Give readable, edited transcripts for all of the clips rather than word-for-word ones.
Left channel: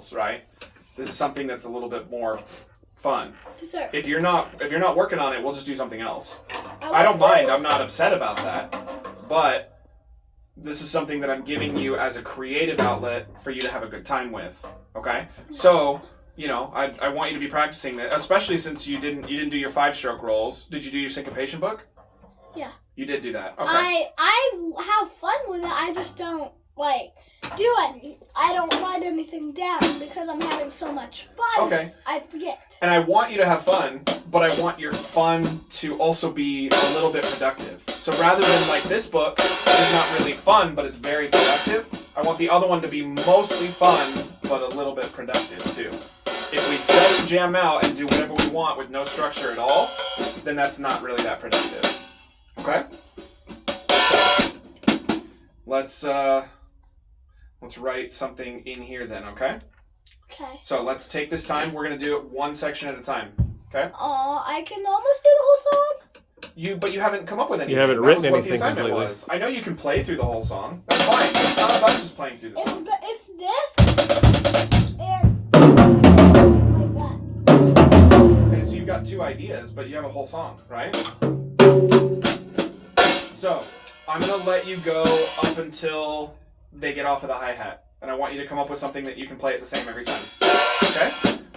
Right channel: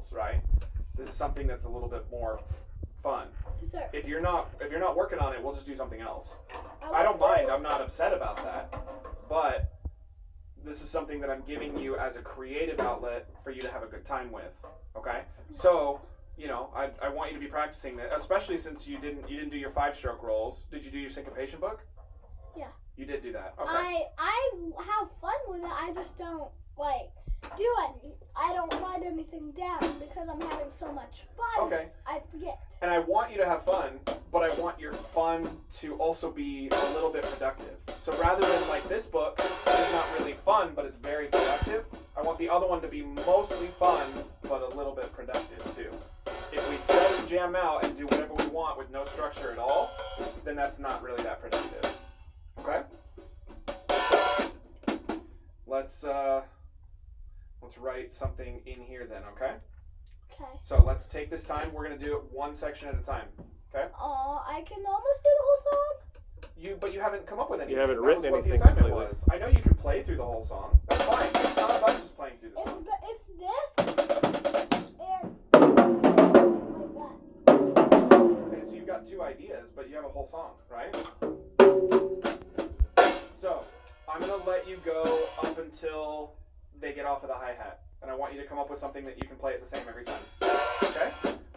rules, right? This is something that's a little bit more fun. Sir. If you're not working on it, we'll just do something else. I don't mind. I'm not upset about that. But this is something that I'm giving you as a creative outlet for you to have a good time with. Okay? So, you know, I want you to be practicing that, especially since you didn't do your 5-stroke rolls. Did you do your syncopation book? Yeah. You did do that. Okay. I have fun with it. I just don't do anything. I don't write anything down because I'm having so much fun. Okay. I forget. And I want you to have fun, but I want your fun to also be a little bit productive. So rather than like this book is not really fun, but it's very productive, I want the other one to be mostly fun, but a little bit productive too. If we just jam out and do whatever we want with no structure at all, then that's not really that productive. Okay? Let's write something in here then, okay? Okay. So let's take this time. We're going to do it one section at a time, okay? I can almost do the whole song? But you haven't come up with anything. You haven't That written was what anything the assignment completely. was. I know you can play through the whole song. That's fine. It's not about just playing through the song. It's this and like that. Okay, so you've got 2 ideas, but you have a whole song, right? So, I'm going to let you go up until they get off of the hi-hat. And I want you to come up with something that you can play it the same every time. Okay?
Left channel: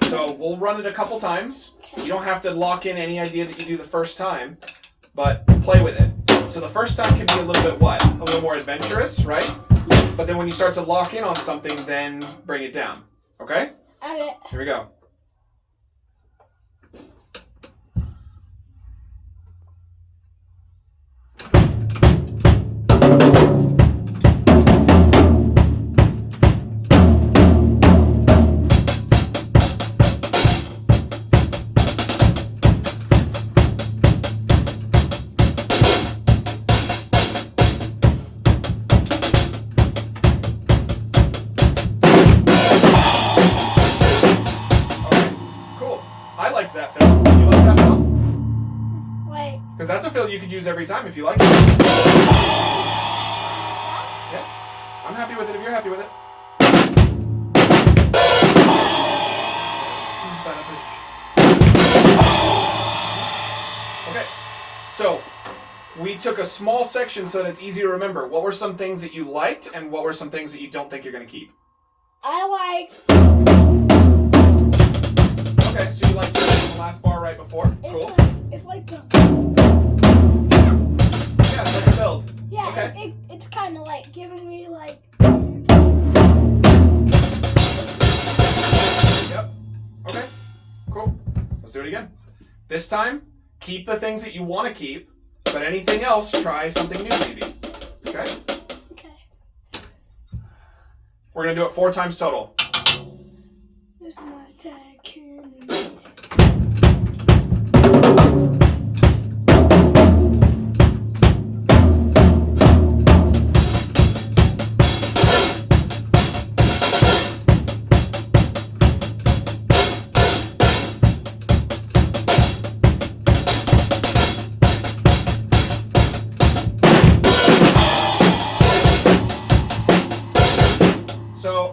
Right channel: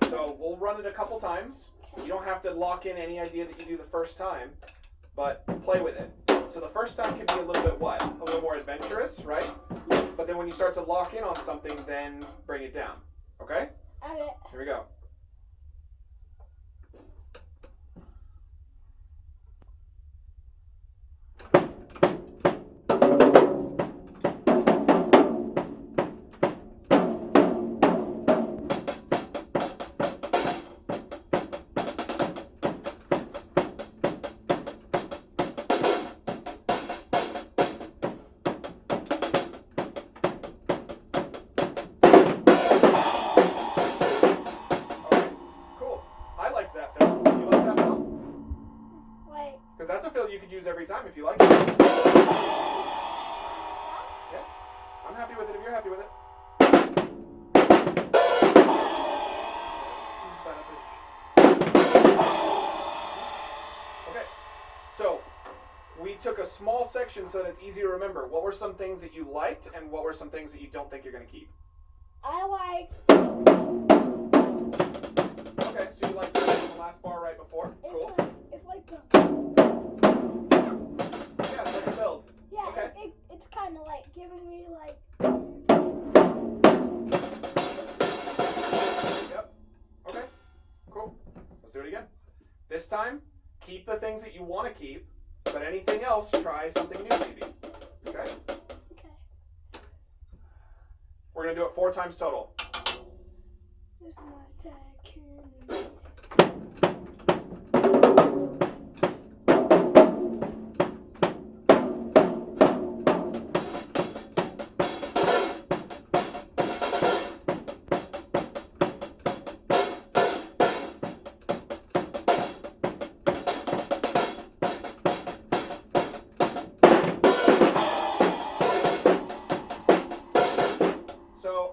So, we'll run it a couple times. You don't have to lock in any idea that you do the first time, but play with it. So the first time can be a little bit what? A little more adventurous, right? But then when you start to lock in on something, then bring it down. Okay? Okay. Here we go. Because that's a fill you could use every time if you like it. Yeah. I'm happy with it if you're happy with it. Okay. So, we took a small section so that it's easy to remember. What were some things that you liked and what were some things that you don't think you're going to keep? I like... Okay, so you liked the last bar right before? Cool. It's like the... Yeah, it's like a build. Yeah, okay. It's kind of like giving me like... Yep. Okay, cool. Let's do it again. This time, keep the things that you want to keep, but anything else, try something new maybe. Okay? Okay. We're going to do it 4 times total. This is my second...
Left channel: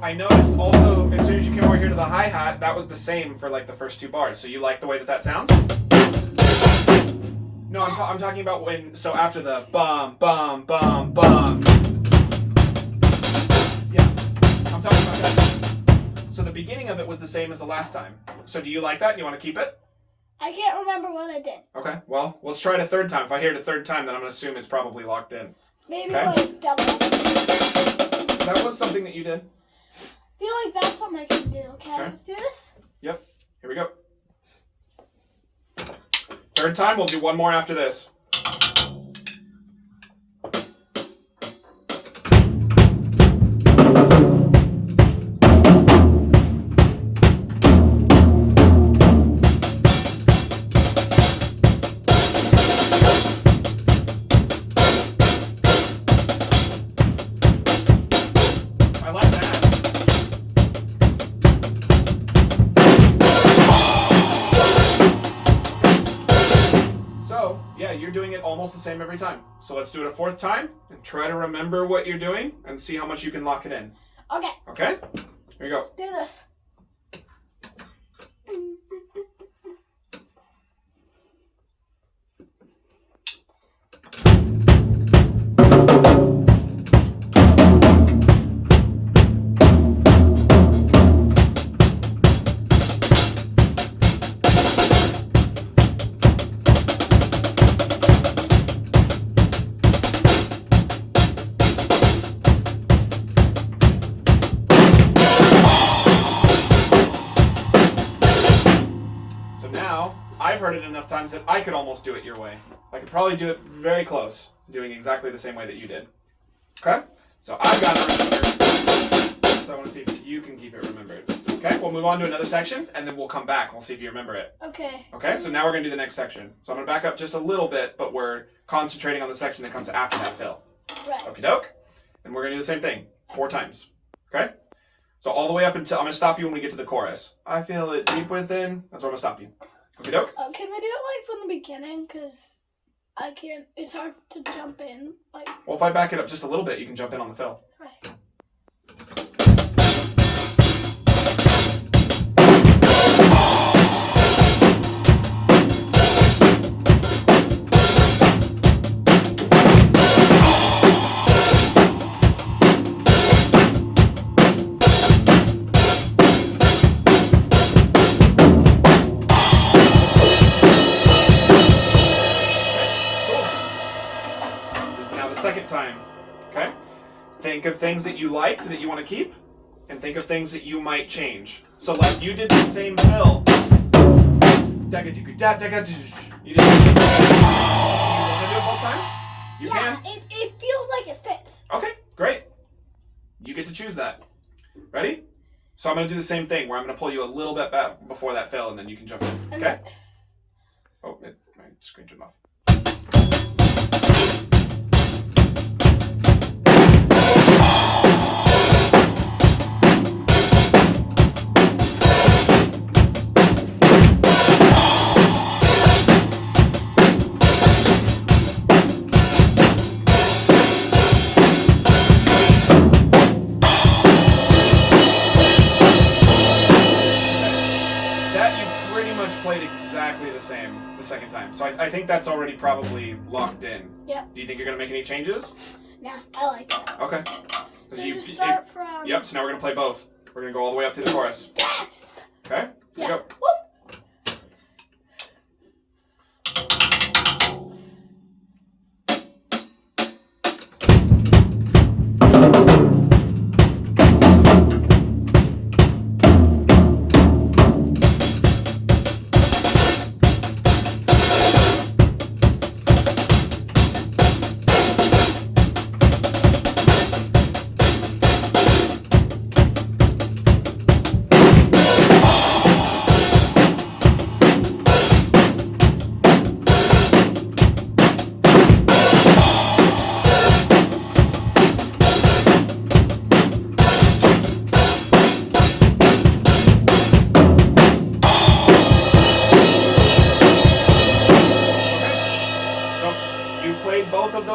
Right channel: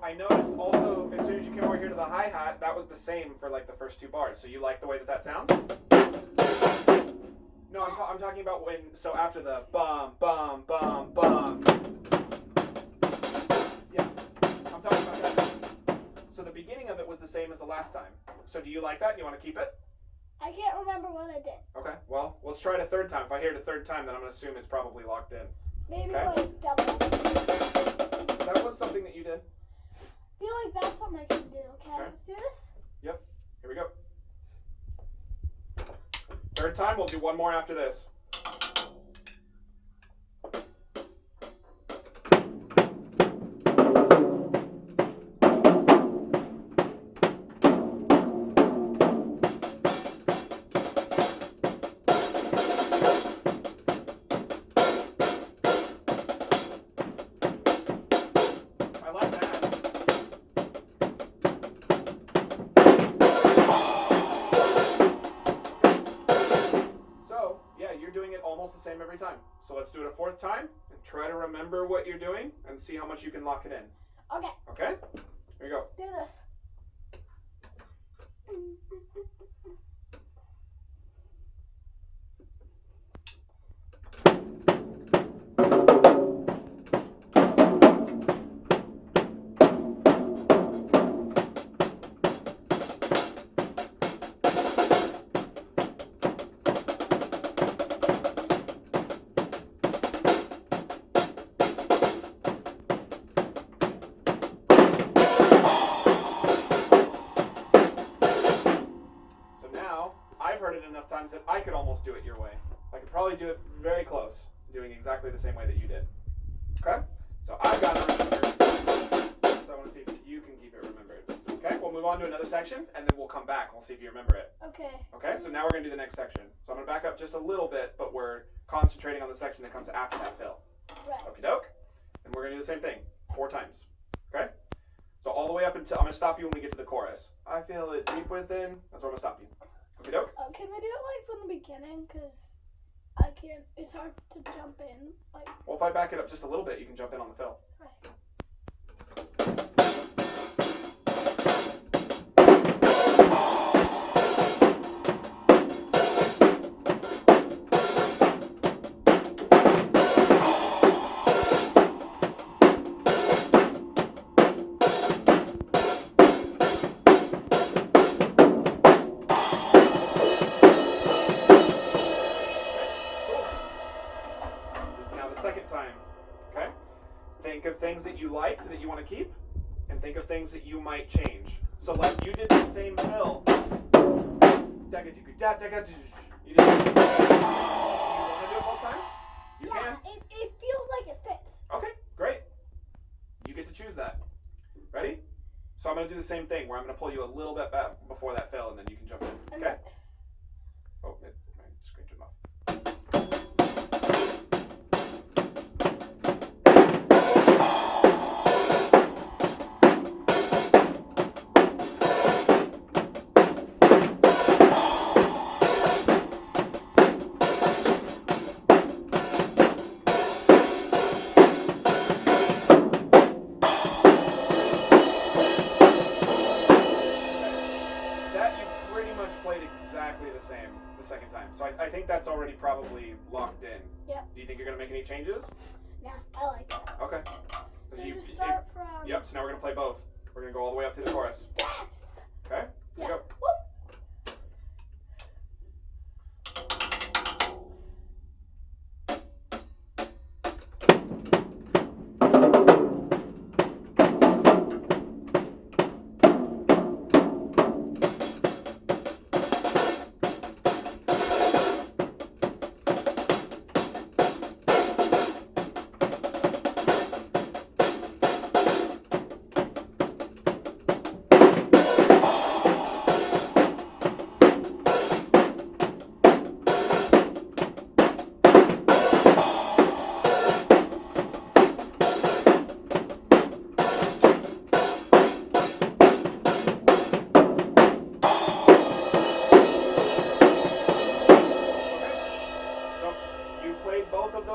I noticed also, as soon as you came over here to the hi-hat, that was the same for like the first 2 bars. So you like the way that that sounds? No, I'm talking about when, so after the bum, bum, bum, bum. Yeah, I'm talking about that. So the beginning of it was the same as the last time. So do you like that? You want to keep it? I can't remember what I did. Okay, well, let's try it a 3rd time. If I hear it a 3rd time, then I'm going to assume it's probably locked in. Maybe okay. Like double. That was something that you did. I feel like that's something I can do, okay? Let's do this? Yep. Here we go. 3rd time, we'll do 1 more after this. You're doing it almost the same every time. So let's do it a 4th time and try to remember what you're doing and see how much you can lock it in. Okay. Okay? Here we go. Let's do this. heard it enough times that I could almost do it your way. I could probably do it very close, doing exactly the same way that you did. Okay? So I've got to remember. So I want to see if you can keep it remembered. Okay? We'll move on to another section, and then we'll come back and we'll see if you remember it. Okay. Okay? So now we're going to do the next section. So I'm going to back up just a little bit, but we're concentrating on the section that comes after that fill. Right. Okie doke? And we're going to do the same thing 4 times. Okay? So all the way up until, I'm going to stop you when we get to the chorus. I feel it deep within. That's where I'm going to stop you. Okie doke? Can we do it like from the beginning? Because I can't, it's hard to jump in. Like. Well, if I back it up just a little bit, you can jump in on the fill. Right. Second time, okay? Think of things that you liked that you want to keep, and think of things that you might change. So, like you did the same fill. You did. You want to do it both times? You can. It feels like it fits. Okay, great. You get to choose that. Ready? So I'm going to do the same thing where I'm going to pull you a little bit back before that fill, and then you can jump in. Okay? Oh, my screen turned off. The second time. So I think that's already probably locked in. Yep. Do you think you're going to make any changes? Nah, I like it. Okay. So you start from... Yep, so now we're going to play both. We're going to go all the way up to the chorus. Yes! Okay? Yeah. Go.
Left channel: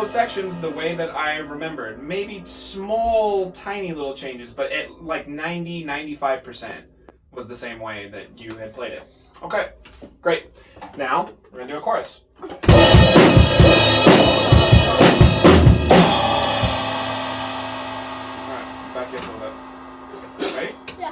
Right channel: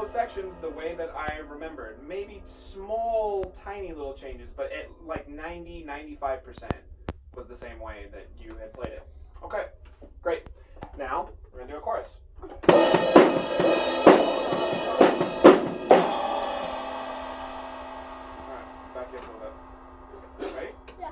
Sections the way that I remembered. Maybe small, tiny little changes, but at like 90-95% was the same way that you had played it. Okay, great. Now, we're going to do a chorus. Alright, back in a little bit. Ready? Yeah.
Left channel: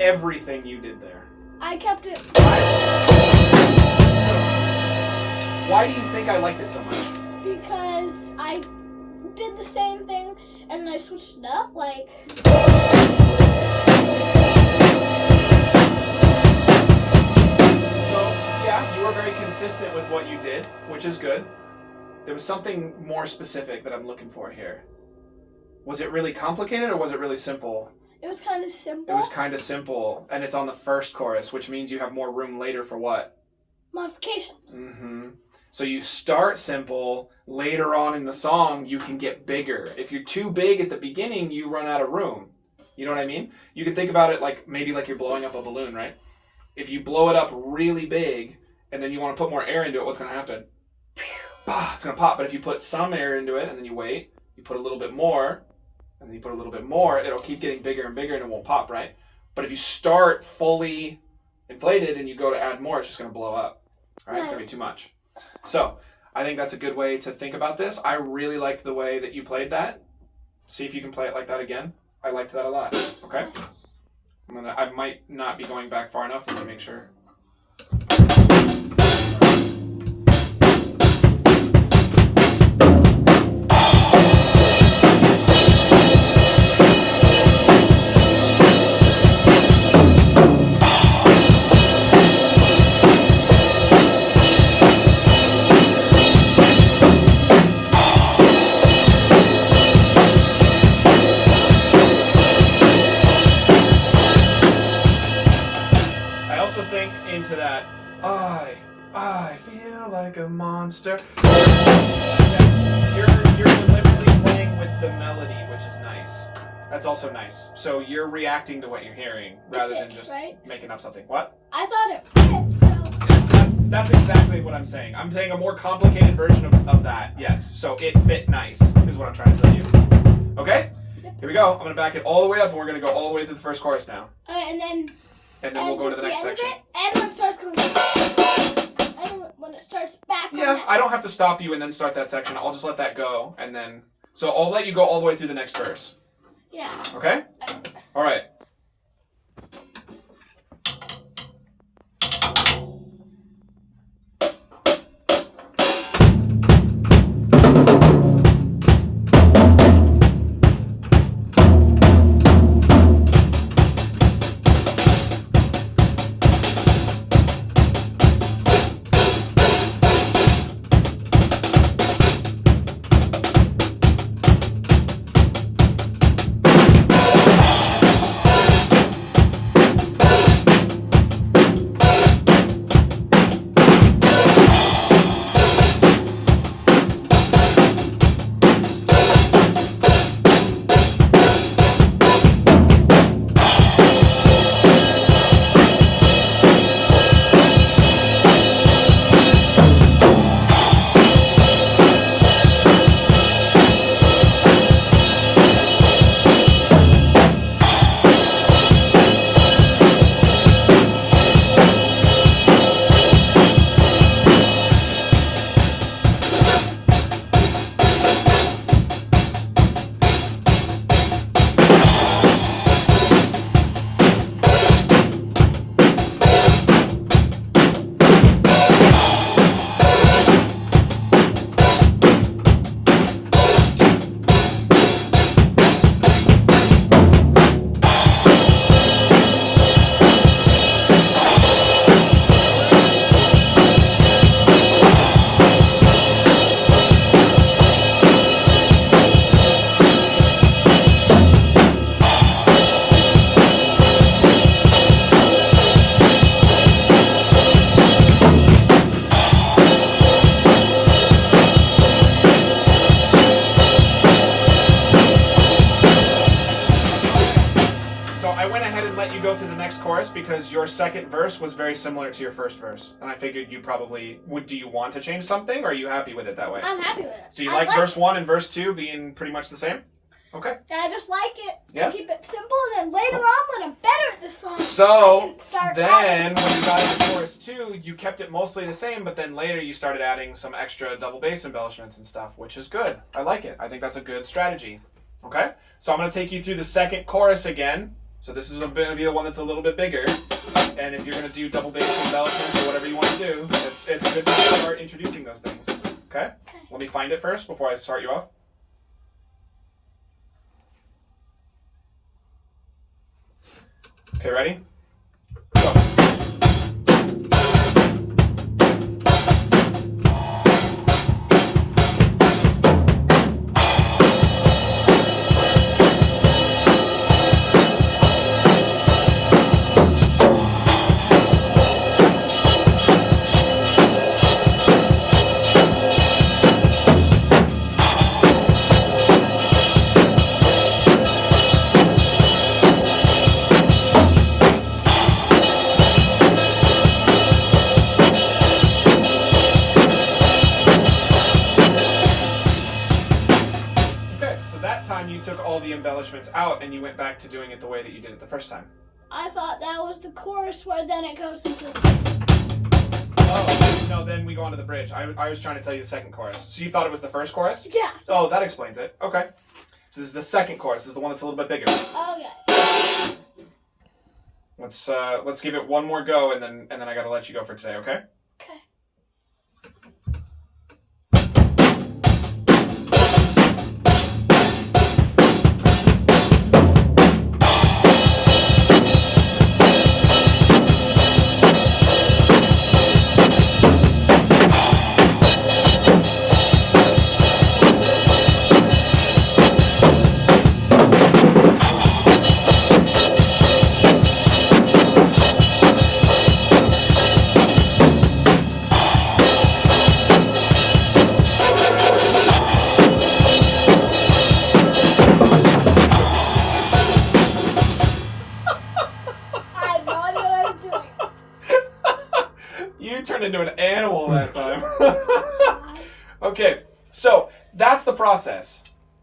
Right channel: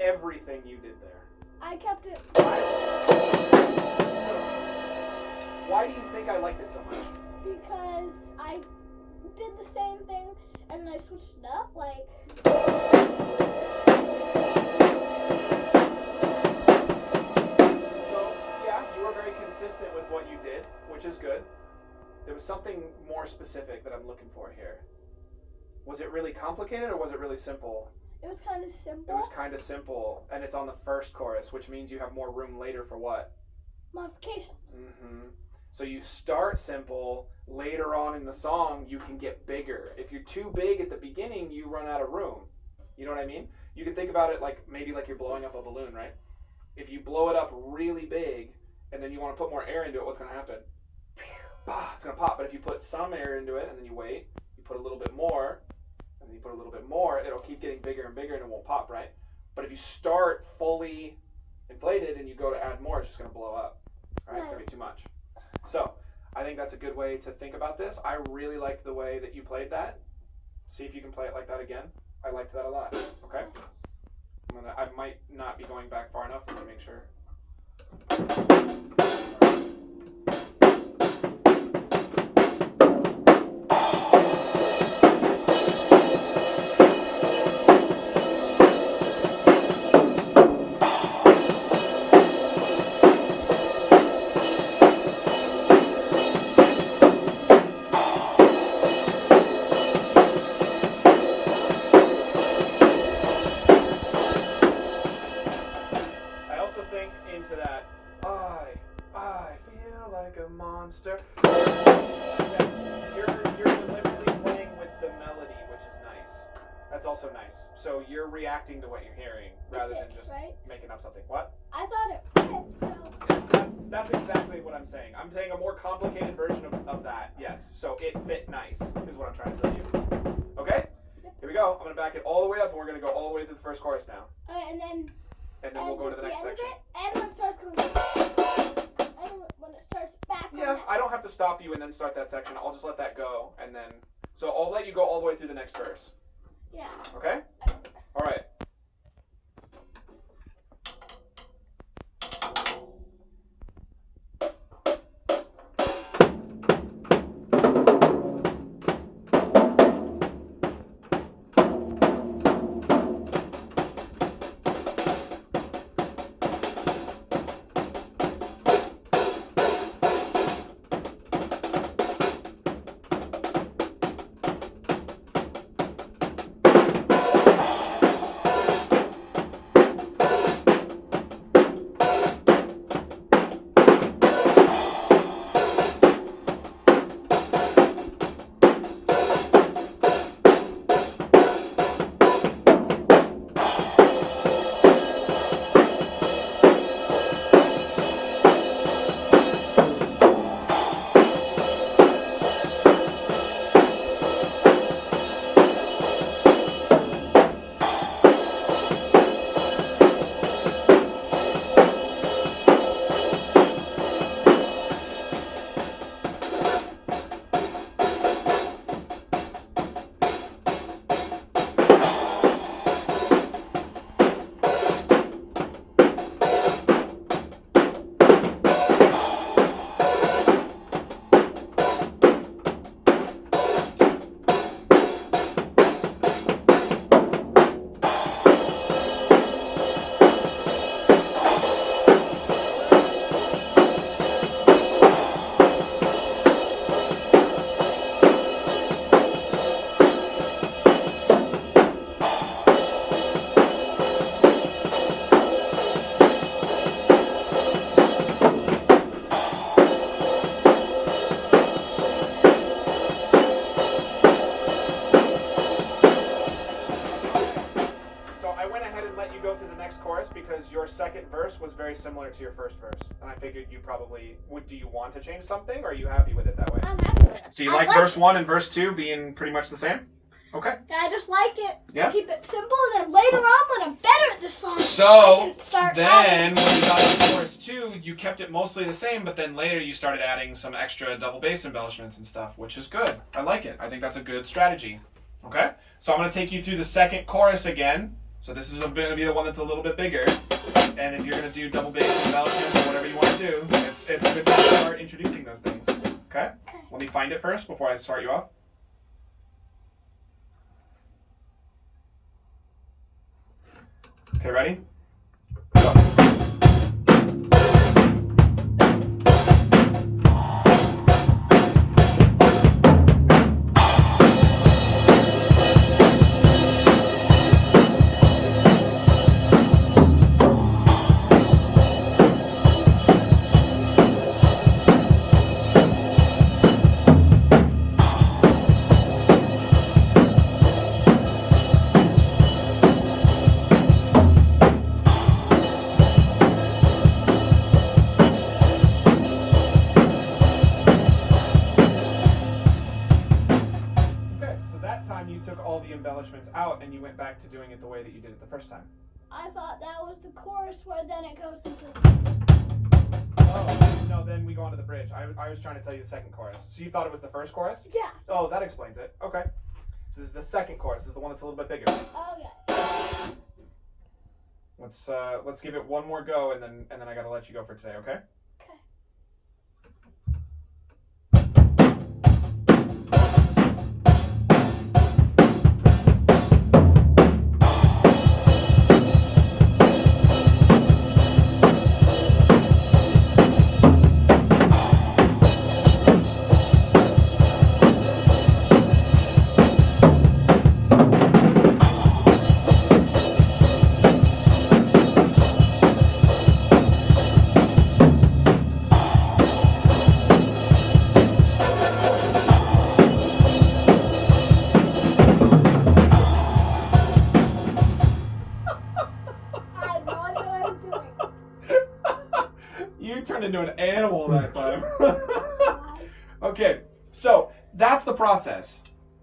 Everything you did there. I kept it. Why do you think I liked it so much? Because I did the same thing and then I switched it up, like. So, yeah, you were very consistent with what you did, which is good. There was something more specific that I'm looking for here. Was it really complicated or was it really simple? It was kind of simple. It was kind of simple, and it's on the first chorus, which means you have more room later for what? Modification. Mm-hmm. So you start simple, later on in the song, you can get bigger. If you're too big at the beginning, you run out of room. You know what I mean? You can think about it like, maybe like you're blowing up a balloon, right? If you blow it up really big, and then you want to put more air into it, what's going to happen? It's going to pop. But if you put some air into it, and then you wait, you put a little bit more, and then you put a little bit more, it'll keep getting bigger and bigger and it won't pop, right? But if you start fully inflated and you go to add more, it's just going to blow up. All right, it's going to be too much. So I think that's a good way to think about this. I really liked the way that you played that. See if you can play it like that again. I liked that a lot. Okay? I might not be going back far enough. Let me make sure. Into that, I feel like a monster. You're deliberately playing with the melody, which is nice. That's also nice. So you're reacting to what you're hearing rather than just making up something. What? I thought it fit, so. That's exactly what I'm saying. I'm saying a more complicated version of that. Yes. So it fit nice is what I'm trying to tell you. Okay? Yep. Here we go. I'm going to back it all the way up and we're going to go all the way through the first chorus now. And then we'll go to the next section. And when it starts going, and when it starts back. Yeah, I don't have to stop you and then start that section. I'll just let that go, and then so I'll let you go all the way through the next verse. Yeah. Okay. All right. chorus because your second verse was very similar to your first verse, and I figured you probably would. Do you want to change something, or are you happy with it that way? I'm happy with it. So you like verse 1 and verse 2 being pretty much the same? Okay. Yeah, I just like it Yeah. to keep it simple, and then later on when I'm better at this song, So I can start then adding. when you got into chorus 2, you kept it mostly the same, but then later you started adding some extra double bass embellishments and stuff, which is good. I like it. I think that's a good strategy. Okay? So I'm going to take you through the second chorus again. So this is going to be the one that's a little bit bigger. And if you're going to do double bass embellishments or whatever you want to do, it's a good time to start introducing those things. Okay? Let me find it first before I start you off. Okay, ready? Go. You took all the embellishments out and you went back to doing it the way that you did it the first time. I thought that was the chorus where then it goes into. Oh, no, then we go on to the bridge. I was trying to tell you the second chorus. So you thought it was the first chorus? Yeah. Oh, that explains it. Okay. So this is the second chorus. This is the one that's a little bit bigger. Okay. Let's give it one more go, and then I gotta let you go for today. Okay? Okay. I had no idea what I was doing. You turned into an animal that time. Okay, so that's the process.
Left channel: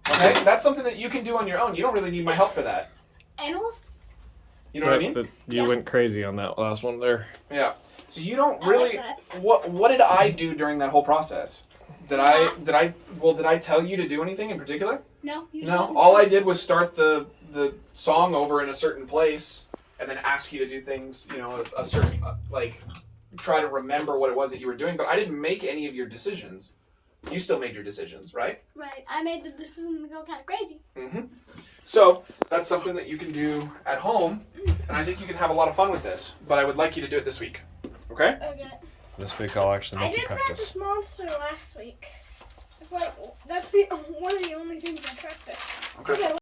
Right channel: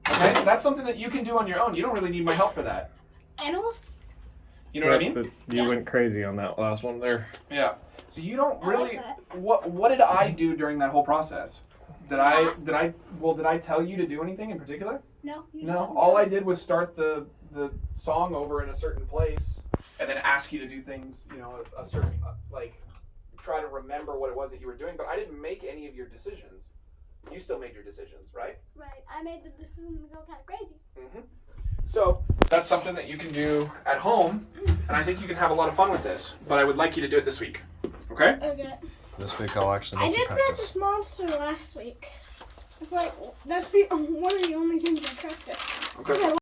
Okay, that's something that you can do on your own. You don't really need my help for that. Animals? You know what I mean? But you went crazy on that last one there. Yeah. So you don't I really. like that. What did I do during that whole process? Did I tell you to do anything in particular? No. You just No. let me All know. I did was start the song over in a certain place, and then ask you to do things. You know, a certain like try to remember what it was that you were doing. But I didn't make any of your decisions. You still made your decisions, right? Right. I made the decision to go kind of crazy. Mm-hmm. So that's something that you can do at home, and I think you can have a lot of fun with this. But I would like you to do it this week. Okay? Okay. This week I'll actually I make you did practice. practice Monster last week. It's like, that's one of the only things I practiced. Okay. Okay.